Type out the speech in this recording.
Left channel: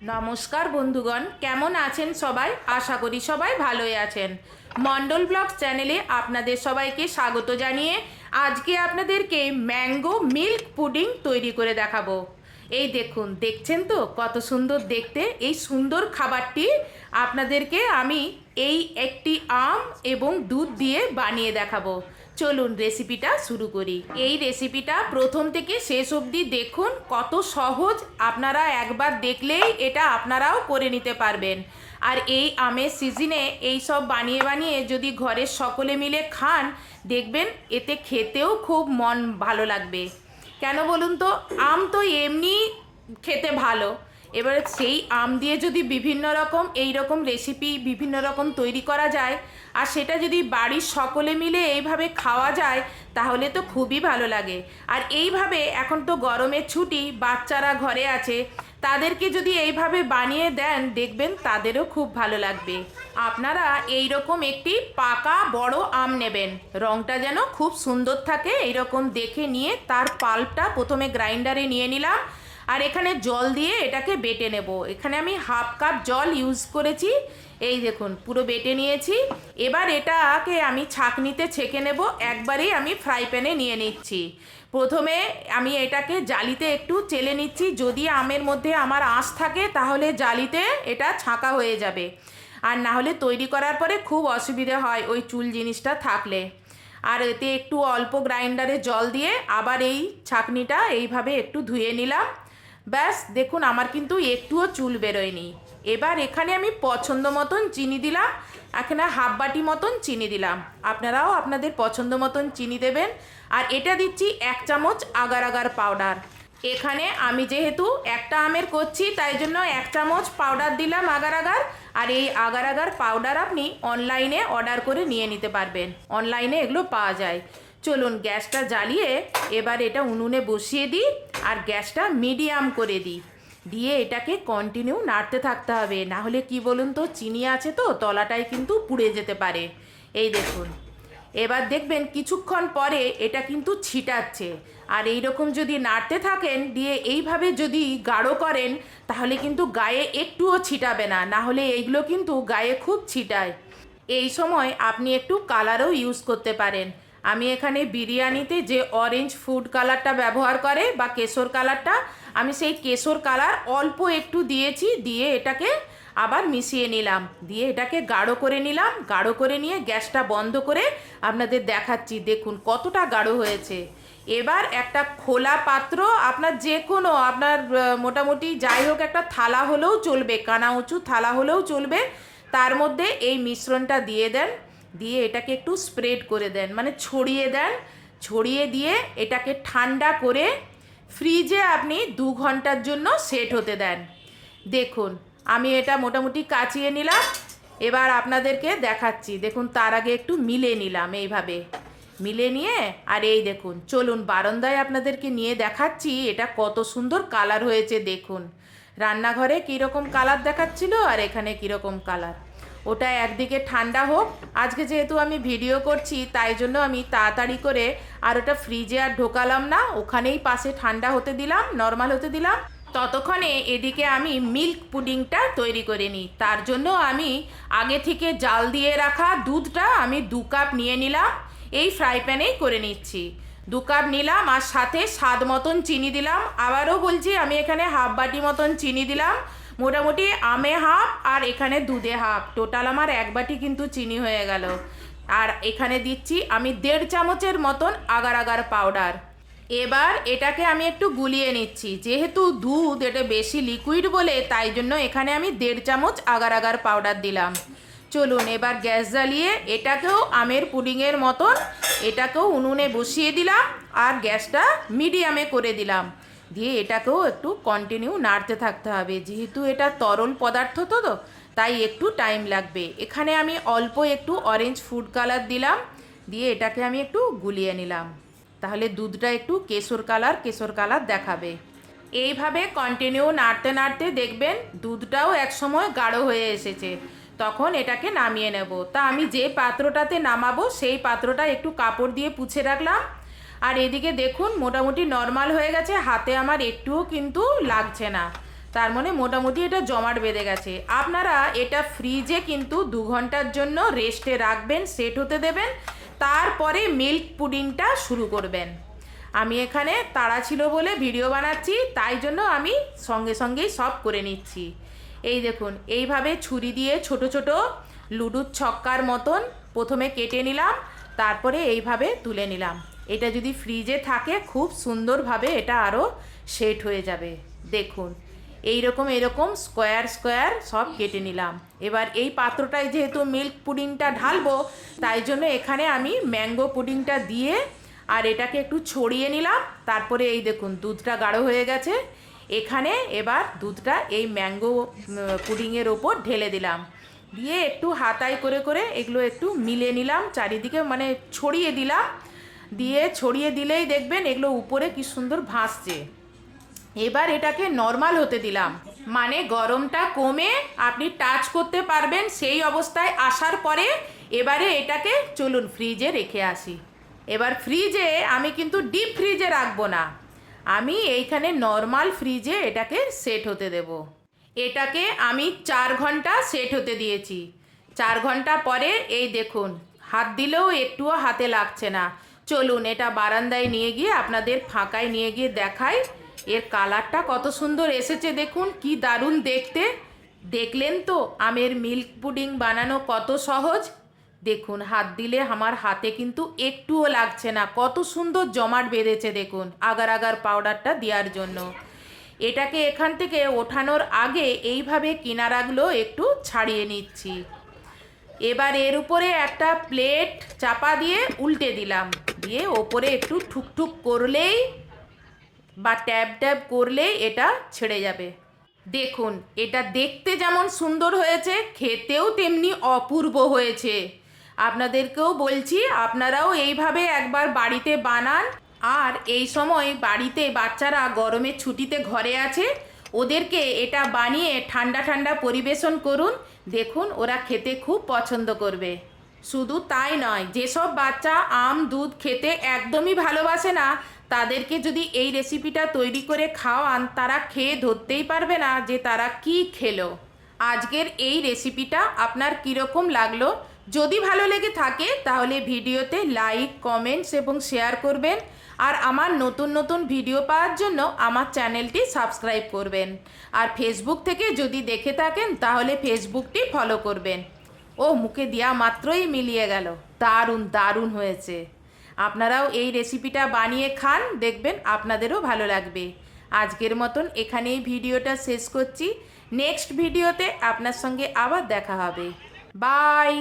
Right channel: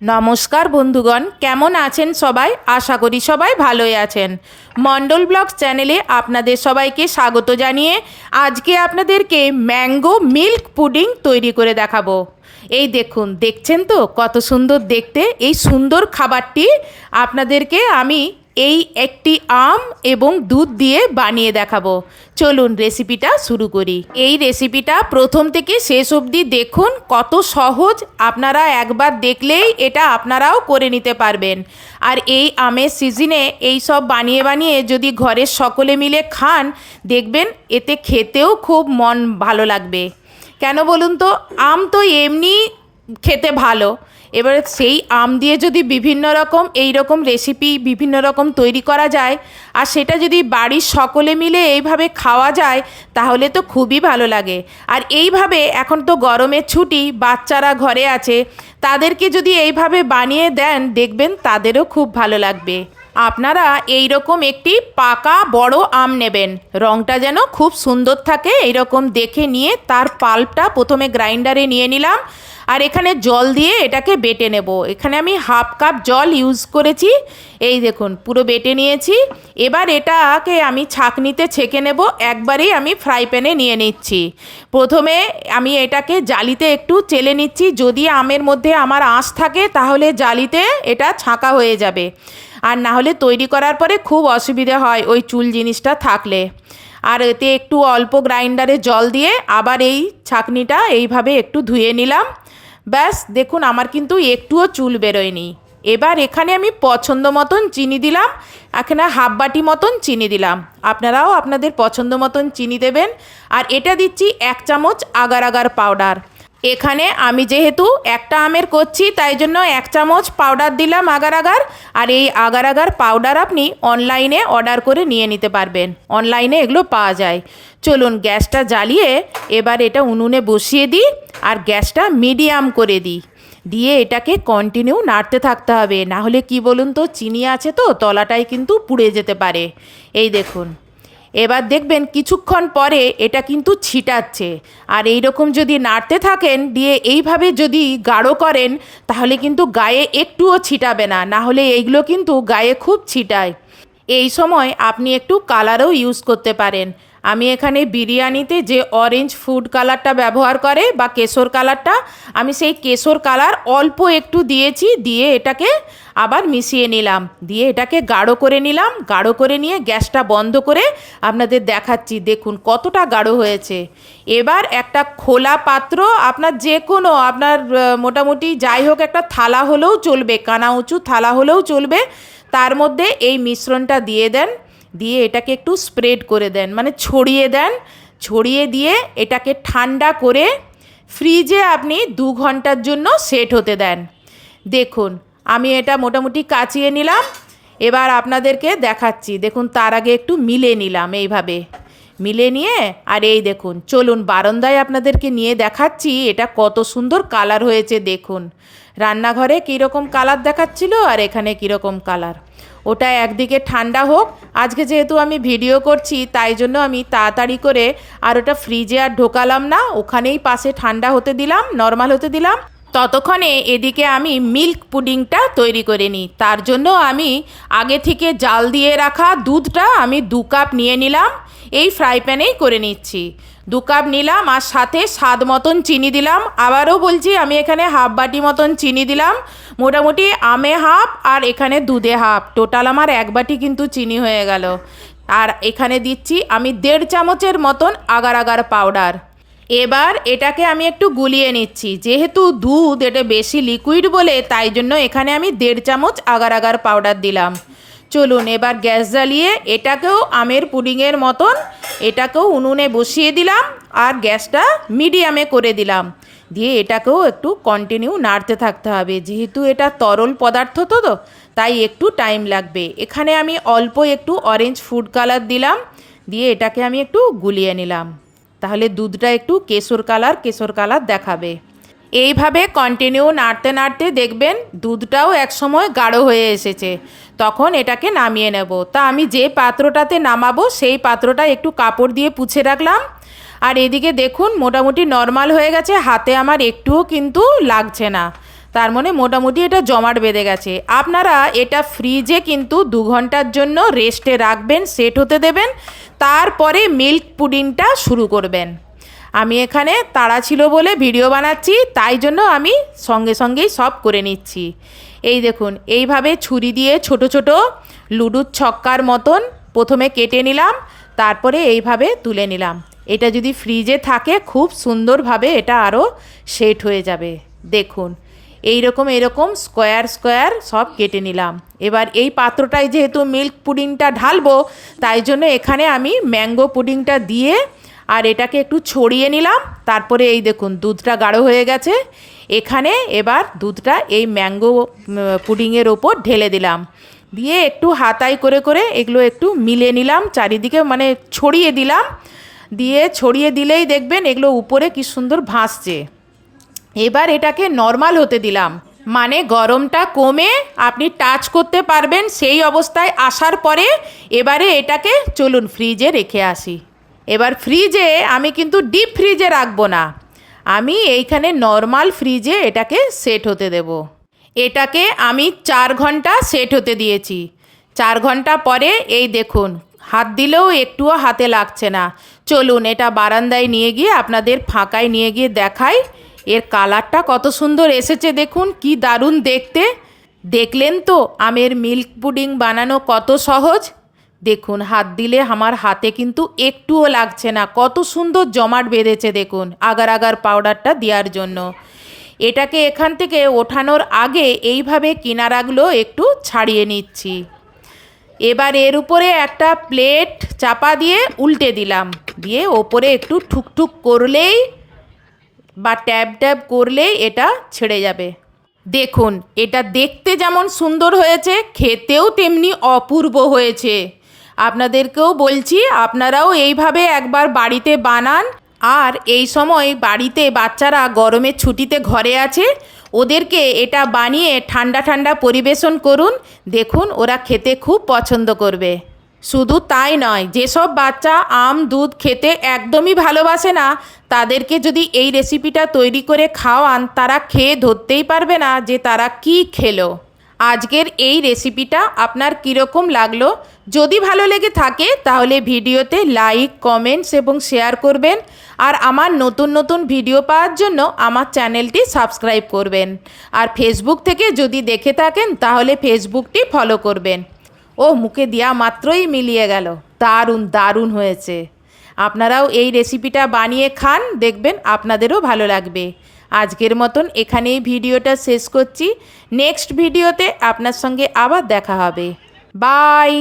নমস্কার বন্ধুগণ, কেমন আছেন সবাই? আশা করি সবাই ভালোই আছেন। মন্ডল ব্লগস চ্যানেলে আপনাদের সবাইকে স্বাগত জানিয়ে আজকে আপনাদেরকে ম্যাঙ্গো মিল্ক পুডিং তৈরি করে দেখাবো। এই দেখুন, দেখছেন তো কত সুন্দর দেখতে। এই সুন্দর খাবারটি আপনাদেরকে আমি একটি আম এবং দুধ দিয়ে বানিয়ে দেখাবো। চলুন রেসিপিটা শুরু করি। এই রেসিপিটা প্রথম থেকে শেষ অবধি দেখুন, কত সহজ। আপনারা একবার দেখলেই এটা আপনারাও করে নিতে পারবেন। আর এই আমের সিজনে এই সব বানিয়ে বানিয়ে যদি ঘরের সকলে মিলে খান, দেখবেন এতে খেতেও খুব মন ভালো লাগবে। কেন বলুন তো, আম তো এমনি খেতে ভালো, এবারে সেই আম দিয়ে যদি বিভিন্ন রকম এই রকম রেসিপি বিভিন্ন রকম তৈরি করা যায়, আর সেটা যদি বাড়ির সকলে মিলে এইভাবে খাওয়া যায়, তাহলে তো খুবই ভালো লাগে। আর এইভাবে এখন তো গরমের ছুটি, বাচ্চারা ঘরে আছে, তাদেরকে যদি এইভাবে বানিয়ে দেন, দেখবেন তাদেরও খুব ভালো লাগবে। আপনারা এই রকম একটি পাকা বড় আম নেবেন, রঙটা যেন খুব সুন্দর থাকে এইরকম দেখে নিয়ে তার পাল্পটা প্রথমে গ্রাইন্ডারে নিয়ে নিলাম। আর এখানে জল দিয়ে এটাকে বেটে নেব। এখানে আমি হাফ কাপ জল ইউজ করেছি। এই দেখুন, পুরো বেটে নিয়েছি। এবার এটাকে আমি ছাঁকনিতে ছেঁকে নেব। একবারেই আমি ফ্রাই প্যানে নিয়ে নিচ্ছি। প্রথমে আমি এটাকে জালিতে একটু চেলে নিচ্ছি। যদি আমের মধ্যে আমার আঁশ থাকে তাহলে জালিতে এটা ছাঁকা হয়ে যাবে, আর না হলে তৈরি করার পরে খুব অসুবিধা হয় ওই চুল জিনিসটা থাকলে। আর এতে একটু অল্প গ্রাইন্ডারে জল দিয়ে আবার এই ছাঁকনিটা এইভাবে একটু ধুয়ে নিলাম। ব্যাস, দেখুন আমার কিন্তু একটুও চুল বেরোয়নি। এবার এখানে আমি পছন্দ মতন চিনি দিলাম। এখানে হাফ বাটি মতন চিনি দিলাম। আপনারাও আপনাদের পছন্দ মতন চিনি দেবেন। আর এটা দিচ্ছি 1 চামচ আগার আগার পাউডার। এখানে আমি যেহেতু একটা আমের করছি, তাই জন্য 1 চামচ পাউডার দিলাম আগার আগার। আর এই আগার আগার পাউডার আপনি অনলাইনে অর্ডার করে নিয়ে নিতে পারবেন, অনলাইনে এগুলো পাওয়া যায়। চলুন গ্যাসটা জ্বালিয়ে এবার এটা উনুনে বসিয়ে দিই, আর গ্যাসটা মিডিয়াম করে দিই। দিয়ে এটাকে কন্টিনিউ নাড়তে থাকতে হবে, না হলে কি বলুন তো, চিনি আছে তো তলাটাই কিন্তু পুড়ে যেতে পারে। এই দেখুন, এবার দেখবেন কিছুক্ষণ পরে এটা কিন্তু ছিটাচ্ছে। আর এই রকম যদি নাড়তে থাকেন, দিয়ে এইভাবে যদি গাঢ় করেন, তাহলে কিন্তু গায়ে একটুও ছিটাবে না, না হলে এইগুলো কিন্তু গায়ে খুব ছিটায়। এই সময় আপনি একটু কালারও ইউজ করতে পারেন। আমি এখানে বিরিয়ানিতে যে অরেঞ্জ ফুড কালারটা ব্যবহার করে বা কেশর কালারটা, আমি সেই কেশর কালার অল্প একটু দিয়েছি। দিয়ে এটাকে আবার মিশিয়ে নিলাম, দিয়ে এটাকে গাঢ় করে নিলাম। গাঢ় করে নিয়ে গ্যাসটা বন্ধ করে আপনাদের দেখাচ্ছি। দেখুন কতটা গাঢ় হয়েছে। এবার একটা খোলা পাত্র, আপনার যে কোনো আপনার মোটামুটি যাই হোক একটা থালা হলেও চলবে, কানা উঁচু থালা হলেও চলবে, তার মধ্যে এই মিশ্রণটা দিয়ে দেন। দিয়ে এটাকে একটু স্প্রেড করে দেন, মানে ছড়িয়ে দেন। ছড়িয়ে দিয়ে এটাকে ঠান্ডা করে ফ্রিজে আপনি 2 ঘন্টার জন্য সেট হতে দেন। দেখুন আমি এটা মোটামুটি কাচিয়ে নিলাম। এবার আপনাদেরকে দেখাচ্ছি। দেখুন তার আগে একটু মিলে নিলাম এইভাবে, মিলে নিয়ে আর এই দেখুন, চলুন বারান্দায় আপনাদেরকে নিয়ে দেখাচ্ছি এটা কত সুন্দর কালার হয়েছে। দেখুন রান্নাঘরে কীরকম কালার দেখাচ্ছিল আর এখানে কীরকম কালার। ওটা একদিকে ঠান্ডা হোক, আজকে যেহেতু আমি ভিডিও করছি তাই জন্য আমি তাড়াতাড়ি করে আর ওটা ফ্রিজে আর ঢোকালাম না, ওখানেই পাশে ঠান্ডা হতে দিলাম, নর্মাল হতে দিলাম। ততক্ষণে এদিকে আমি মিল্ক পুডিংটা তৈরি করে নিই। তার জন্য আমি আগে থেকে জাল দিয়ে রাখা দুধটা আমি 2 কাপ নিয়ে নিলাম। এই ফ্রাই প্যানেই করে নিচ্ছি। 2 কাপ নিলাম, আর সাথে স্বাদ মতন চিনি দিলাম। আবারও বলছি, আমি এখানে হাফ বাটি মতন চিনি দিলাম। মোটামুটি আমে হাফ আর এখানে দুধে হাফ, টোটাল আমার 1 বাটি কিন্তু চিনি হয়ে গেল। আর এখানে দিচ্ছি আমি 1.5 চামচের মতন আগার আগার পাউডার। এবার এটাকে আমি একটু গুলিয়ে নিচ্ছি। যেহেতু দুধ এটা বেশি লিকুইড বলে, তাই জন্য এখানে আমি 1.5 চামচ আগার আগার পাউডার দিলাম। চলুন এবার গ্যাস জ্বালিয়ে এটাকেও আমের পুডিংয়ের মতন এটাকেও উনুনে বসিয়ে দিলাম, আর গ্যাসটা মিডিয়ামে করে দিলাম। দিয়ে এটাকেও একটু কন্টিনিউ নাড়তে থাকতে হবে, যেহেতু এটা তরল পদার্থ তো তাই একটু টাইম লাগবে। এখানে আমি অল্প একটু অরেঞ্জ ফুড কালার দিলাম। দিয়ে এটাকে আমি একটু গুলিয়ে নিলাম, তাহলে দুধটা একটু কেশর কালার দেখাবে। এইভাবে কন্টিনিউ নাড়তে নাড়তে দেখবেন দুধটাও একসময় গাঢ় হয়ে এসেছে। তখন এটাকে নামিয়ে নেব। তা আমি যে পাত্রটাতে নামাবো সেই পাত্রটা একটু কাপড় দিয়ে পুছে রাখলাম। আর এদিকে দেখুন মোটামুটি নর্মাল হয়ে গেছে, হাতে আমার একটুও কিন্তু লাগছে না। তার মানে মোটামুটি এটা জমাট বেঁধে গেছে। আপনারা এটা ফ্রিজে কিন্তু 2 ঘন্টার জন্য রেস্টে রাখবেন, সেট হতে দেবেন, তারপরে মিল্ক পুডিংটা শুরু করবেন। আমি এখানে তাড়া ছিল বলে ভিডিও বানাচ্ছি, তাই জন্য আমি সঙ্গে সঙ্গেই সব করে নিচ্ছি। এই দেখুন, এইভাবে ছুরি দিয়ে ছোট ছোট লুডুর ছক্কার মতন প্রথমে কেটে নিলাম, তারপরে এইভাবে তুলে নিলাম। এটা যদি ফ্রিজে থাকে খুব সুন্দরভাবে এটা আরও সেট হয়ে যাবে। দেখুন এরকম স্কোয়ার স্কোয়ার সব কেটে নিলাম। এবার এই পাত্রটায় যেহেতু মিল্ক পুডিংটা ঢালবো, তাই জন্য এখানে আমি ম্যাঙ্গো পুডিংটা দিয়ে আর এটাকে একটু ছড়িয়ে নিলাম। তারপরে এই দেখুন দুধটা গাঢ় হয়ে গেছে। এখানে এবার দুধটা এই ম্যাঙ্গো পুডিংয়ের ওপর ঢেলে দিলাম, দিয়ে একটু হাতায় করে করে এগুলো একটু মিলিয়ে নিলাম চারিদিকে, মানে ছড়িয়ে দিলাম। দিয়ে ছড়িয়ে দিলেই দেখবেন এগুলো উপরে কি সুন্দর ভাসছে। এবার এটাকে নর্মাল হতে দিলাম, মানে গরমটা কমে আপনি টাচ করতে পারবেন সেই অবস্থায় আসার পরে এবারে এটাকে চলুন ফ্রিজে রেখে আসি। এবার ফ্রিজে আমি কিন্তু ডিপ ফ্রিজে রাখবো না, আমি এইখানে নর্মাল ফ্রিজে এটাকে সেট হতে দেব। এটাকে আমি 4 ঘন্টা সেট হতে দিয়েছি। 4 ঘন্টা পরে এই দেখুন হাত দিলেও একটুও হাতে লাগছে না। চলুন এটা বারান্দায় নিয়ে গিয়ে আপনাদের ফাঁকায় নিয়ে গিয়ে দেখাই। এর কালারটা কত সুন্দর এসেছে, দেখুন কি দারুণ দেখতে। দেখলেন তো আমের মিল্ক পুডিং বানানো কত সহজ। দেখুন হাত দিলে আমার হাতে কিন্তু একটুও লাগছে না, কত সুন্দর জমাট বেঁধেছে দেখুন আগার আগার পাউডারটা দেওয়ার জন্য। এটাকে এখান থেকে ওঠানোর আগে এইভাবে কিনারাগুলো একটু ছাড়িয়ে নিচ্ছি। এবার এর উপরে একটা প্লেট চাপা দিয়ে উল্টে দিলাম, দিয়ে ওপরে একটু ঠুকঠুক করলেই বা ট্যাব ট্যাব করলেই এটা ছেড়ে যাবে। দেখুন এটা দেখতে যেমন সুন্দর হয়েছে, খেতেও তেমনি অপূর্ব হয়েছে। আপনাদেরকেও বলছি আপনারাও এইভাবে একবার বাড়িতে বানান। আর এই সময় বাড়িতে বাচ্চারা গরমের ছুটিতে ঘরে আছে, ওদেরকে এটা বানিয়ে ঠান্ডা ঠান্ডা পরিবেশন করুন, দেখুন ওরা খেতে খুব পছন্দ করবে। শুধু তাই নয়, যেসব বাচ্চা আম দুধ খেতে একদমই ভালোবাসে না, তাদেরকে যদি এই রেসিপিটা তৈরি করে খাওয়ান, তারা খেয়ে ধরতেই পারবে না যে তারা কি খেলো। আজকের এই রেসিপিটা আপনার কীরকম লাগলো? যদি ভালো লেগে থাকে তাহলে ভিডিওতে লাইক কমেন্টস এবং শেয়ার করবেন। আর আমার নতুন নতুন ভিডিও পাওয়ার জন্য আমার চ্যানেলটি সাবস্ক্রাইব করবেন। আর ফেসবুক থেকে যদি দেখে থাকেন তাহলে ফেসবুকটি ফলো করবেন। ও মুখে দেওয়া মাত্রই মিলিয়ে গেল, দারুণ দারুণ হয়েছে। আপনারাও এই রেসিপিটা বানিয়ে খান, দেখবেন আপনাদেরও ভালো লাগবে। আজকের মতন এখানেই ভিডিওটা শেষ করছি। নেক্সট ভিডিওতে আপনার সঙ্গে আবার দেখা হবে। বাই।